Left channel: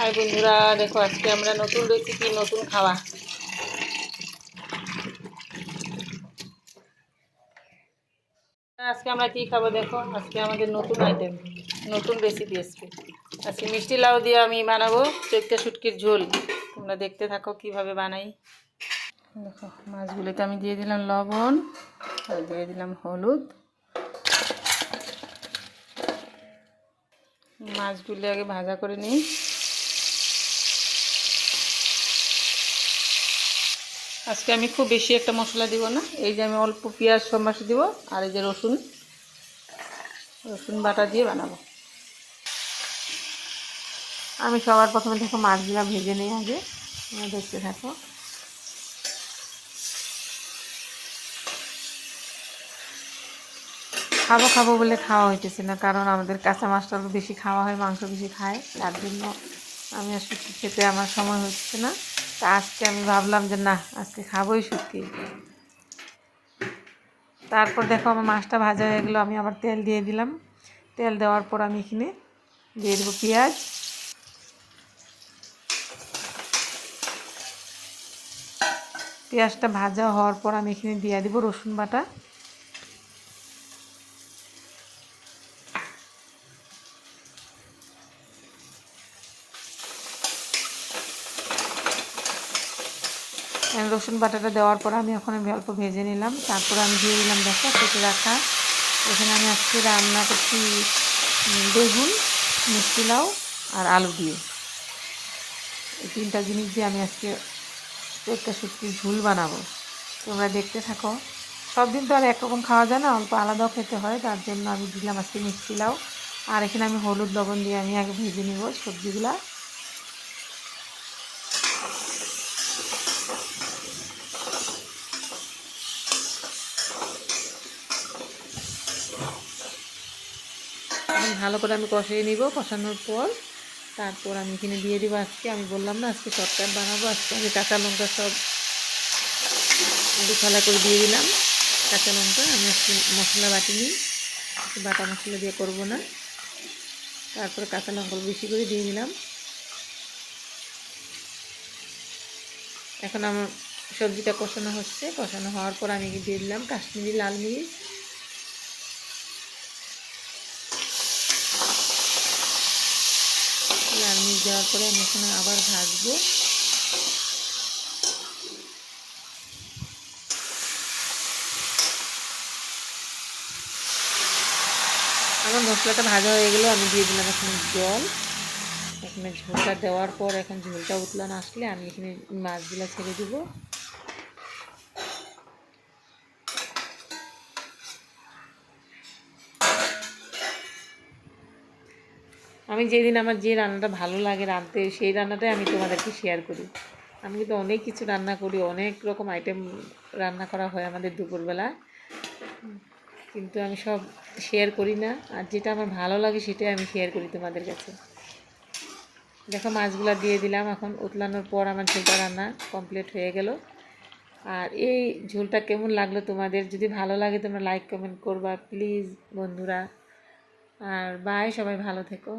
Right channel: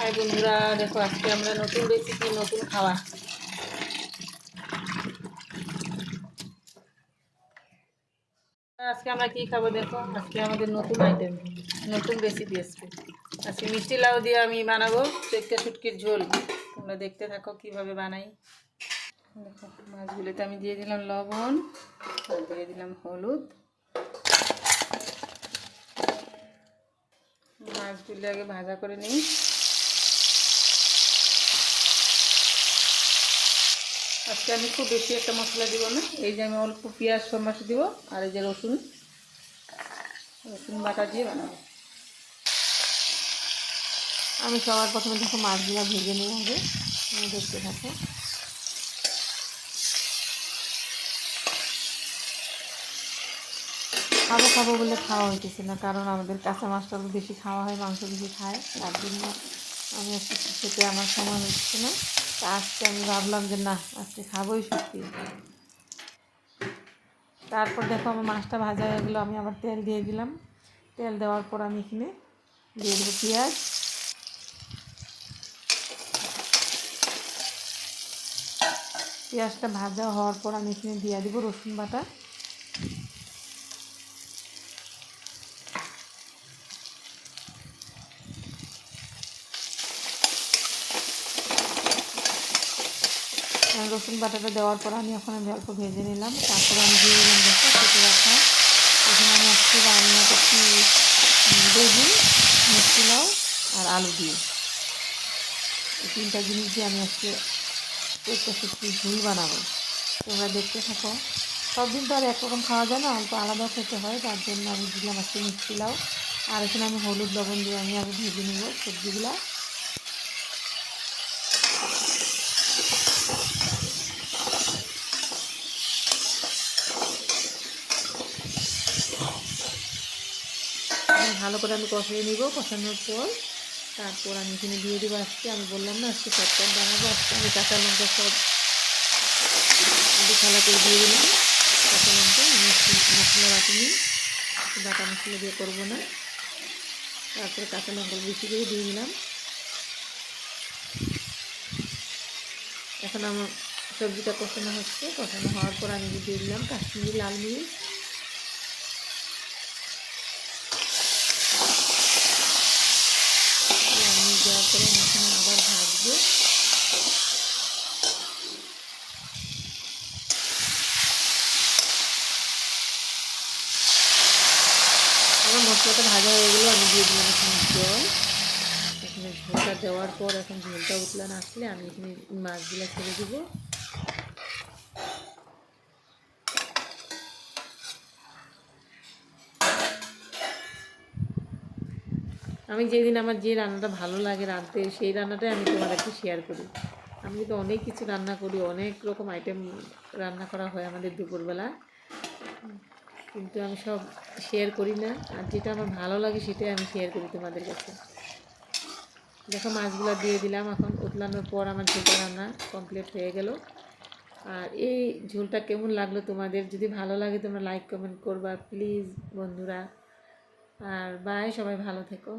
High বন্ধুরা, দেখো আজকে আমরা নতুন রেসিপি, নতুন খাওয়া। আজকে আমরা কি খাবো দেখো, আজকে আমাদের নতুন আইটেম, নতুন রেসিপি আজকে। আজকে মিষ্টি লাউ দিয়ে আমি বানাবো চৈত্রা শুটকির ঝোল। তোমরা দেখতে থাকো কিভাবে বানাই। দেখো মাছগুলোতে আমি দিয়ে দিলাম লবণ আর দিয়ে দিলাম হলুদ। মাছগুলো আগে ভাজা করে নিই। আজকে আমি খুব বেশি একটা মশলা দিব না, এই যে আমি অল্প পেঁয়াজ সম্বাসী দিব আর এই যে রসুন বাটা দিয়ে বানাবো। আমি সবার প্রথমে দেখো মাছগুলো ভেজে নিই আগে, দেখতে থাকো। খাবো বলে খাওয়া হইতেছে না, কারণ আমাদের কাঁচা মাছটা বেশি খাওয়া হয়, মাংস বেশি খায়, তার জন্য আমি আর শুটকি খেতে আমার সময় হচ্ছে না। তা আজকে আমি ভাবলাম যে না, আজকে খাবোই শুটকি। তারপর দেখো আমার মাছটা ভাজা হয়ে গেলো, আমি আবার তেল দিয়ে দিলাম। তেল দেওয়ার পর আমি এখানে দিয়ে দেবো পেঁয়াজ। পেঁয়াজটা ভাজা হওয়ার পর আমি এখানে দিয়ে দিব রসুন বাটা। রসুন বাটাটা দেওয়ার পর আমি এখন অল্প ভেজে নিলাম। তারপর আমি দিয়ে দিলাম দেখো কেটে রাখা। এখানে আমি আজকে রান্না করছি বেগুন, মিষ্টি লাউ আর আলু দিয়ে। এই তিনটা জিনিস দিয়ে আমি আজকে চৈত্রা শুটকির ঝোল বানাবো। তোমরা দেখতে থাকো। সব দিন তো আর একরকম খাওয়া যায় না, অল্প আলাদাও খেতে হয়, তার জন্য আমি দিলাম আজকে মিষ্টি লাউ। আর এখানে আমি হলুদ লবণ দিয়ে আমি আগে ভেজে নিব সবজিগুলা। ভালো করে আমি কষিয়ে নিব। কষানোর পর তারপর আমি এখানে দিয়ে দেবো, আজকে আমি বললাম না আজকে শর্টকাট বানাবো, আজকে আমি কাঁচা লঙ্কা সব দুখালা করে দিয়ে দিলাম। কাঁচা লঙ্কা আমি একটু মশলা বাটিনি, বাটা মশলা দিয়ে করবো না। তারপরে কাঁচা লঙ্কা বেশি করে দিয়ে দিলাম। এখন আমার সবজিটা কষানো হচ্ছে। কষানো হওয়ার পর আমি দিয়ে দিলাম কাশ্মীরি লাল মরিচ। লাল মরিচ দেওয়ার পরে আমি এখানে আবার ভাজবো। আমার মশলাটা ভাজা হয়ে গেলো, আমি দিয়ে দিলাম এখানে জল। এখানে ঝোলটা দেওয়ার পর এখন ঝোলটা উতলানো আসলে আমি এখানে মাছগুলো ছেড়ে দেবো। আমি যেদিন আমার যে রান্নাটা ভালো লাগে রাঁধতে, সেই রান্নাটাই আমি তোমাদেরকে শেয়ার করি। আমি কিন্তু অনেক কিছু রান্না করি, অনেক রকম আইটেম রান্না করা হয় আমাদের দুপুরবেলা, কিন্তু আমি সব শেয়ার করি না। আর যেটা আমার ভালো লাগে সেটাই আমি শেয়ার করি তোমাদের কাছে। দেখো মাছগুলো দিয়ে দিলাম। এখন উতলানোর পর আমার ঝোলটা রান্না কমপ্লিট হয়ে গেল। আর এই ঝোলটা কেমন লাগলো তোমাদের, যদি ভালো লাগে তোমরা লাইক কমেন্ট করবা প্লিজ বন্ধুরা। আর বাই, সবাই ভালো থেকো।